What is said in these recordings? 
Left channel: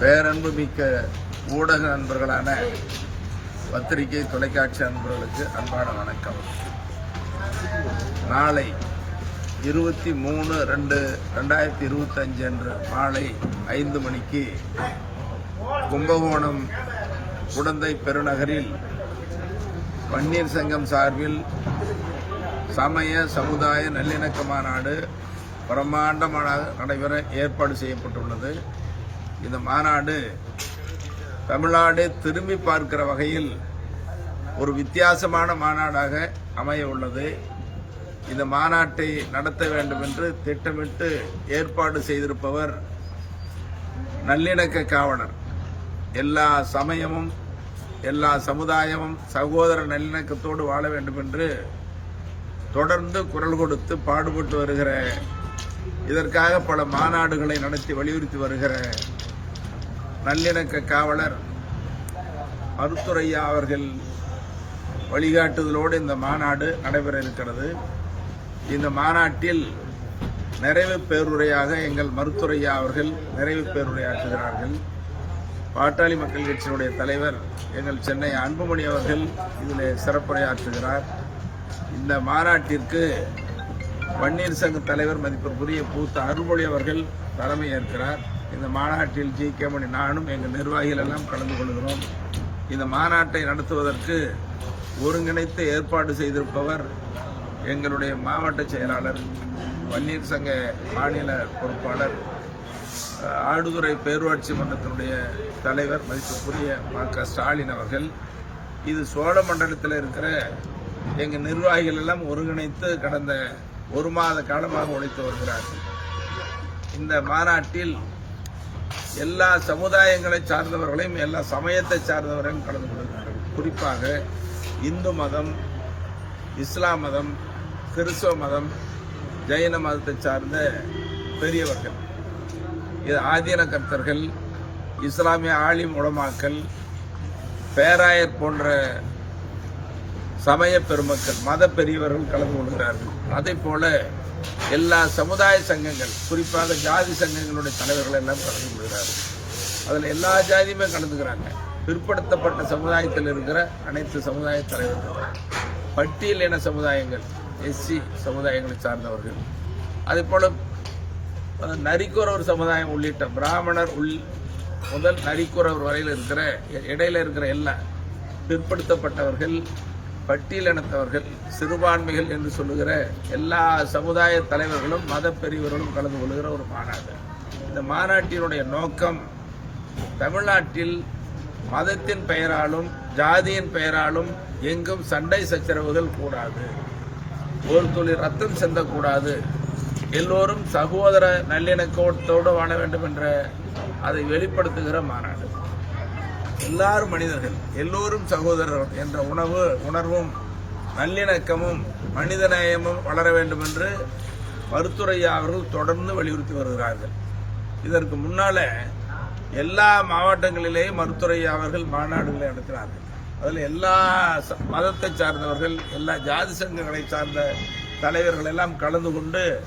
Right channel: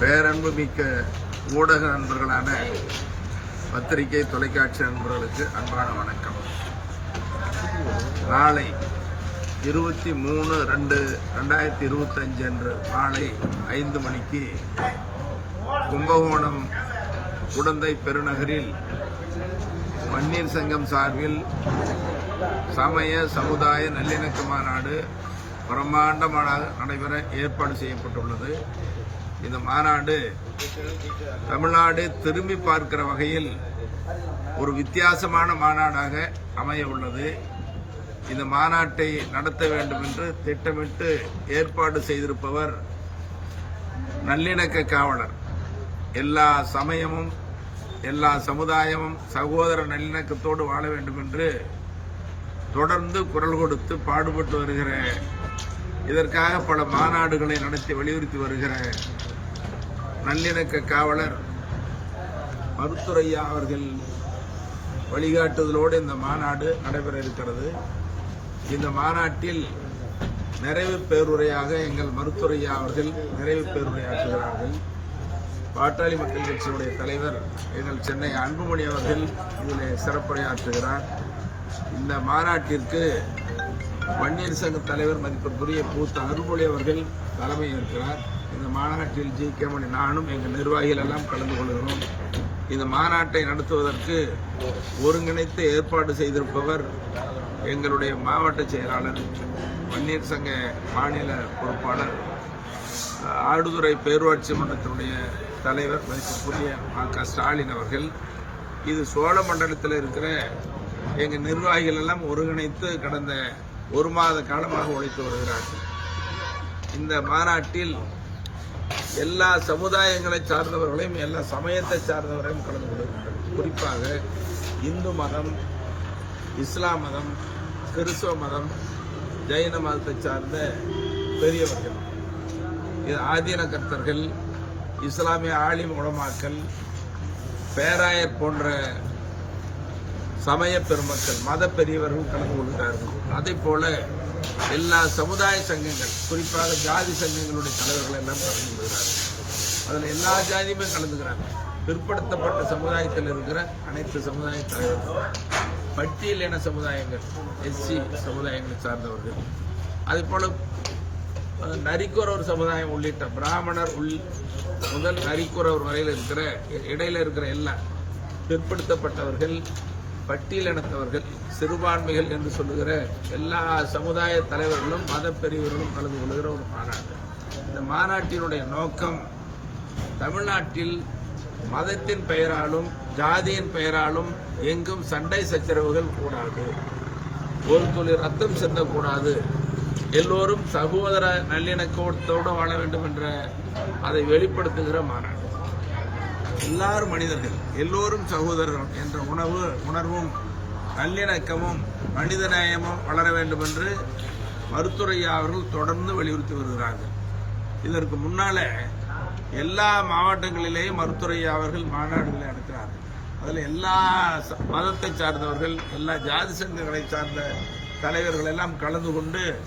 பேரன்பு மிக்க ஊடக நண்பர்களான பத்திரிகை தொலைக்காட்சி நண்பர்களுக்கு அன்பான வணக்கம். நாளை இருபத்தி மூணு ரெண்டு ரெண்டாயிரத்தி இருபத்தஞ்சு அன்று மாலை ஐந்து மணிக்கு கும்பகோணம் குடந்தை பெருநகரில் வன்னியர் சங்கம் சார்பில் சமய சமுதாய நல்லிணக்க மாநாடு பிரம்மாண்டமாக நடைபெற ஏற்பாடு செய்யப்பட்டுள்ளது. இந்த மாநாடு தமிழ்நாடு திரும்பி பார்க்கிற வகையில் ஒரு வித்தியாசமான மாநாடாக அமைய உள்ளது. இந்த மாநாட்டை நடத்த வேண்டும் என்று திட்டமிட்டு ஏற்பாடு செய்திருப்பவர் நல்லிணக்க காவலர். எல்லா சமயமும் எல்லா சமுதாயமும் சகோதர நல்லிணக்கத்தோடு வாழ வேண்டும் என்று தொடர்ந்து குரல் கொடுத்து பாடுபட்டு வருகிற இதற்காக பல மாநாடுகளை நடத்தி வலியுறுத்தி வருகிற நல்லிணக்க காவலர் மருத்துரையா அவர்கள் வழிகாட்டுதலோடு இந்த மாநாடு நடைபெற இருக்கிறது இந்த மாநாட்டில் நிறைவு பேருரையாக எங்கள் மருத்துரையா அவர்கள் நிறைவு பேருரையாற்றுகிறார்கள். பாட்டாளி மக்கள் கட்சியினுடைய தலைவர் எங்கள் சென்னை அன்புமணி அவர்கள் இதில் சிறப்புரையாற்றுகிறார். இந்த மாநாட்டிற்கு வன்னியர் சங்க தலைவர் மதிப்பிற்குரிய பூத்த அருள்மொழி அவர்கள் தலைமை ஏற்கிறார். இந்த மாநாட்டில் ஜி கே மணி நானும் எங்கள் நிர்வாகிகள் எல்லாம் கலந்து கொள்கிறோம். இந்த மாநாட்டை நடத்துவதற்கு ஒருங்கிணைத்து ஏற்பாடு செய்திருப்பவர் எங்களுடைய மாவட்ட செயலாளர் வன்னியர் சங்க மாநில பொறுப்பாளர் ஆடுதுறை பேரூராட்சி மன்றத்தினுடைய தலைவர் மதிப்புக்குரிய ம க ஸ்டாலின் அவர்கள். இது சோழ மண்டலத்தில் இருக்கிற எங்கள் நிர்வாகிகள் எல்லாம் ஒருங்கிணைத்து கடந்த ஒரு மாத காலமாக உழைத்து வருகிறார்கள். இந்த மாநாட்டில் எல்லா சமுதாயங்களை சார்ந்தவர்களையும் எல்லா சமயத்தை சார்ந்தவர்களையும் கலந்து கொள்கிறார்கள் குறிப்பாக இந்து மதம் இஸ்லாம் மதம் கிறிஸ்தவ மதம் ஜெயின மதத்தை சார்ந்த பெரியவர்கள். இது ஆதீன கர்த்தர்கள் இஸ்லாமிய ஆலிம் உலமாக்கள் பேராயர் போன்ற சமய பெருமக்கள் மத பெரியவர்கள் கலந்து கொள்கிறார்கள். அதே போல எல்லா சமுதாய சங்கங்கள் குறிப்பாக ஜாதி சங்கங்களுடைய தலைவர்கள் எல்லாம் கலந்து கொள்கிறார்கள். அதில் எல்லா ஜாதியுமே கலந்துக்கிறாங்க. பிற்படுத்தப்பட்ட சமுதாயத்தில் இருக்கிற அனைத்து சமுதாய தலைவர்கள். பட்டியல் இன சமுதாயங்கள் எஸ்சி சமுதாயங்களை சார்ந்தவர்கள். அதே போல நரிக்குறவர் சமுதாயம் உள்ளிட்ட பிராமணர் உள் முதல் நரிக்குறவர் வரையில் இருக்கிற இடையில இருக்கிற எல்லா பிற்படுத்தப்பட்டவர்கள் பட்டியலினத்தவர்கள் சிறுபான்மைகள் என்று சொல்லுகிற எல்லா சமுதாய தலைவர்களும் மத பெரியவர்களும் கலந்து கொள்கிற ஒரு மாநாடு. இந்த மாநாட்டினுடைய நோக்கம் தமிழ்நாட்டில் மதத்தின் பெயராலும் ஜாதியின் பெயராலும் எங்கும் சண்டை சச்சரவுகள் கூடாது. ஒரு துளி ரத்தம் சிந்தக்கூடாது எல்லோரும் சகோதர நல்லிணக்கத்தோடு வாழ வேண்டும் என்ற அதை வெளிப்படுத்துகிற மாநாடு. எல்லாரும் மனிதர்கள் எல்லோரும் சகோதரர் என்ற உணவு உணர்வும் நல்லிணக்கமும் மனிதநேயமும் வளர வேண்டும் என்று மருத்துரையா அவர்கள் தொடர்ந்து வலியுறுத்தி வருகிறார்கள். இதற்கு முன்னால எல்லா மாவட்டங்களிலேயும் மருத்துரையா அவர்கள் மாநாடுகளை நடக்கிறார்கள் அதில் எல்லா மதத்தை சார்ந்தவர்கள் எல்லா ஜாதி சங்கங்களை சார்ந்த தலைவர்கள் எல்லாம் கலந்து கொண்டு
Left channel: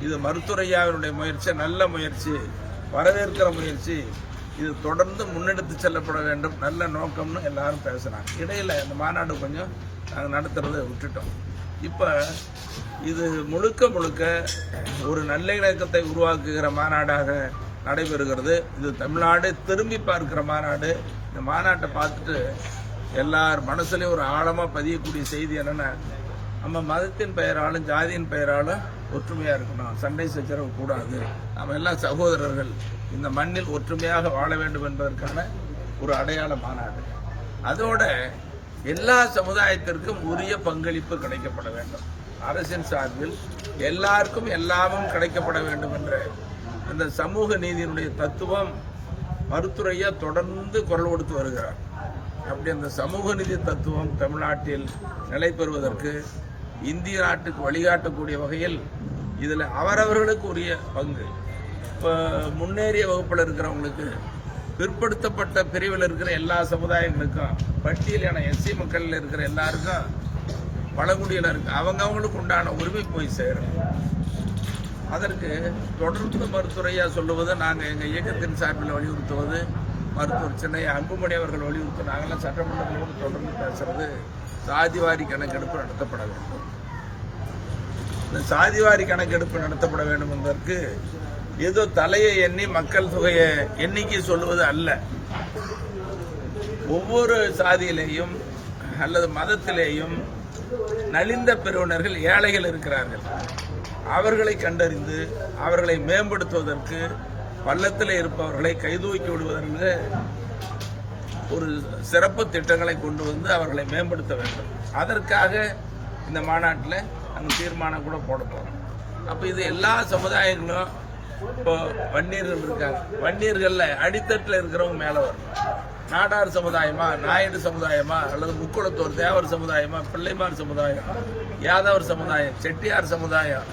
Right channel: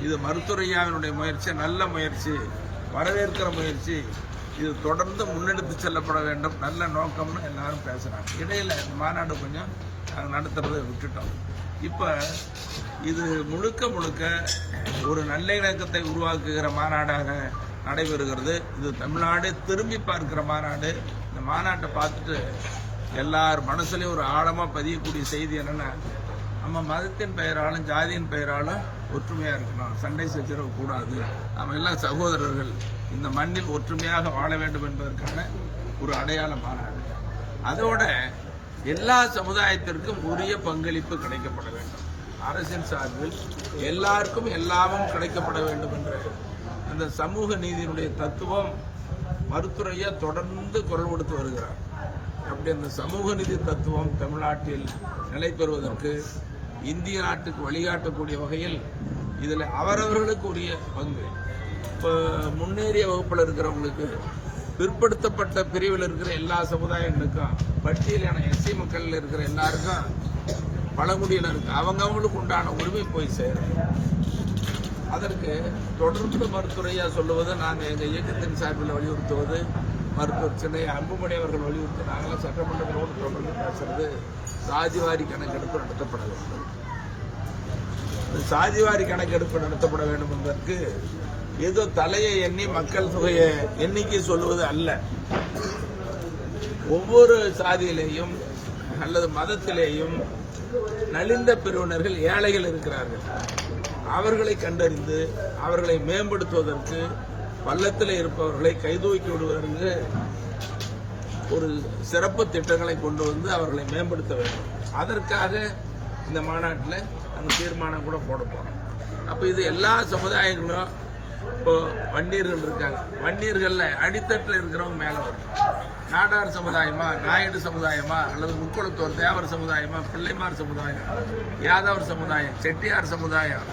இது மருத்துரையாவினுடைய முயற்சி நல்ல முயற்சி வரவேற்கிற முயற்சி இது தொடர்ந்து முன்னெடுத்து செல்லப்பட வேண்டும். நல்ல நோக்கம்னு எல்லாரும் பேசுகிறாங்க இடையில் இந்த மாநாடு கொஞ்சம் நடத்துறதை விட்டுட்டோம். இப்போ இது முழுக்க முழுக்க ஒரு நல்ல இணக்கத்தை உருவாக்குகிற மாநாடாக நடைபெறுகிறது. இது தமிழ்நாடு திரும்பி பார்க்கிற மாநாடு. இந்த மாநாட்டை பார்த்துட்டு எல்லார் மனசுலேயும் ஒரு ஆழமாக பதியக்கூடிய செய்தி என்னென்னா நம்ம மதத்தின் பெயராலும் ஜாதியின் பெயராலும் ஒற்றுமையாக இருக்கணும். சண்டை சச்சரவு கூடாது. நம்ம எல்லாம் சகோதரர்கள். இந்த மண்ணில் ஒற்றுமையாக வாழ வேண்டும் என்பதற்கான ஒரு அடையாள மாநாடு. அதோட எல்லா சமுதாயத்திற்கும் உரிய பங்களிப்பு கிடைக்கப்பட வேண்டும். அரசின் சார்பில் எல்லாருக்கும் எல்லாமும் கிடைக்கப்பட வேண்டும் என்ற அந்த சமூக நீதியினுடைய தத்துவம் மருத்துறையா தொடர்ந்து குரல் கொடுத்து வருகிறார். அப்படி அந்த சமூக நீதி தத்துவம் தமிழ்நாட்டில் நிலை பெறுவதற்கு இந்திய நாட்டுக்கு வழிகாட்டக்கூடிய வகையில் இதில் அவரவர்களுக்கு உரிய பங்கு. இப்போ முன்னேறிய வகுப்பில் இருக்கிறவங்களுக்கு பிற்படுத்தப்பட்ட பிரிவில் இருக்கிற எல்லா சமுதாயங்களுக்கும் பட்டியலான எஸ்சி மக்களில் இருக்கிற எல்லாருக்கும் பழங்குடியில் பழங்குடியினருக்கு அவங்கவங்களுக்கு உண்டான உரிமை போய் சேரும். அதற்கு தொடர்ந்து மருத்துவரையாக சொல்லுவது நாங்கள் எங்கள் இயக்கத்தின் சார்பில் வலியுறுத்துவது மருத்துவர் சென்னை அன்புமணி அவர்கள் வலியுறுத்தி நாங்களாம் சட்டமன்றங்களோடு தொடர்ந்து பேசுறது சாதிவாரி கணக்கெடுப்பு நடத்தப்பட வேண்டும். இந்த சாதிவாரி கணக்கெடுப்பு நடத்தப்பட வேண்டும் என்பதற்கு ஏதோ தலையை எண்ணி மக்கள் தொகையை எண்ணிக்கை சொல்லுவது அல்ல. ஒவ்வொரு சாதியிலேயும் அல்லது மதத்திலேயும் நலிந்த பிரிவினர்கள் ஏழைகள் இருக்கிறார்கள். அவர்களை கண்டறிந்து அவர்களை மேம்படுத்துவதற்கு பள்ளத்தில் இருப்பவர்களை கைதூக்கி விடுவதென்று ஒரு சிறப்பு திட்டங்களை கொண்டு வந்து அவர்களை மேம்படுத்த வேண்டும். அதற்காக இந்த மாநாட்டில் நம்ம தீர்மானம் கூட போட போகிறோம் அப்போ இது எல்லா சமுதாயங்களும் இப்போ வன்னியர்கள் இருக்காங்க. வன்னியர்களில் அடித்தட்டில் இருக்கிறவங்க மேலே வரணும். நாடார் சமுதாயமா நாயுடு சமுதாயமா அல்லது முக்குளத்தோர் தேவர் சமுதாயமா பிள்ளைமார் சமுதாயம் யாதவர் சமுதாயம் செட்டியார் சமுதாயம்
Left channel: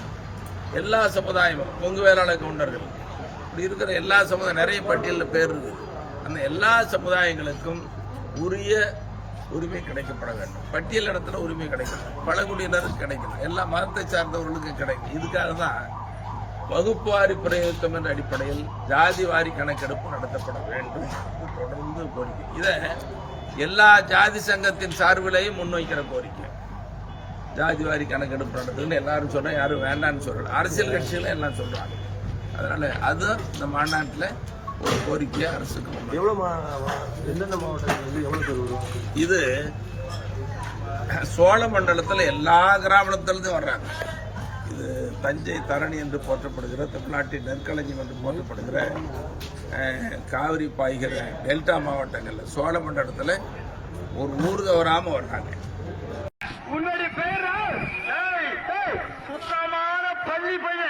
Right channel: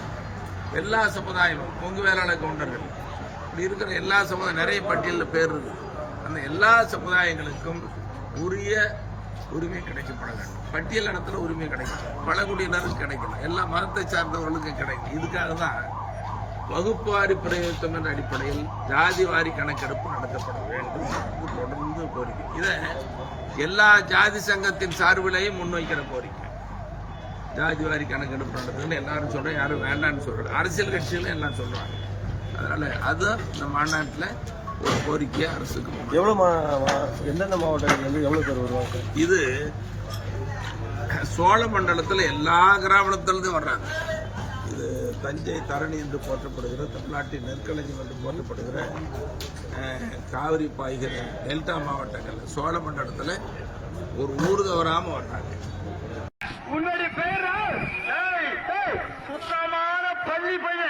எல்லா சமுதாயமும் கொங்கு வேளாளர் கவுண்டர்கள். இப்படி இருக்கிற எல்லா சமுதாயம் நிறைய பட்டியலில் பேர் இருக்குது அந்த எல்லா சமுதாயங்களுக்கும் உரிய உரிமை கிடைக்கப்பட வேண்டும். பட்டியல் இடத்துல உரிமை கிடைக்கும். பழங்குடியினருக்கு கிடைக்கும். எல்லா மதத்தை சார்ந்தவர்களுக்கும் கிடைக்கும். இதுக்காக தான் வகுப்பாரி பிரதிநிதித்துவத்தின் அடிப்படையில் ஜாதி வாரி கணக்கெடுப்பு நடத்தப்பட வேண்டும். தொடர்ந்து கோரிக்கை. இதை எல்லா ஜாதி சங்கத்தின் சார்பிலையும் முன்வைக்கிற கோரிக்கை. ஜாதி வாரி கணக்கெடுப்பு நடத்துன்னு எல்லாரும் சொல்றேன் யாரும் வேண்டாம்னு சொல்லல. அரசியல் கட்சிகளும் எல்லாம் சொல்றாங்க. அதனால் அதுதான் நம்ம மாநாட்டில் ஒரு கோரிக்கையாக அரசுக்கு எவ்வளோ எந்தெந்த மாவட்டங்கள் வந்து எவ்வளோ இது சோழ மண்டலத்தில் எல்லா கிராமத்துலேருந்து வர்றாங்க. இது தஞ்சை தரணி என்று போற்றப்படுகிற தமிழ்நாட்டின் நெற்களஞ்சியம் என்று போற்றப்படுகிற காவிரி பாய்கிற டெல்டா மாவட்டங்களில் சோழ மண்டலத்தில் ஒரு ஊர் தவறாமல் வர்றாங்க. உன்னுடைய பெயர் சுத்தமான பள்ளி பையன்.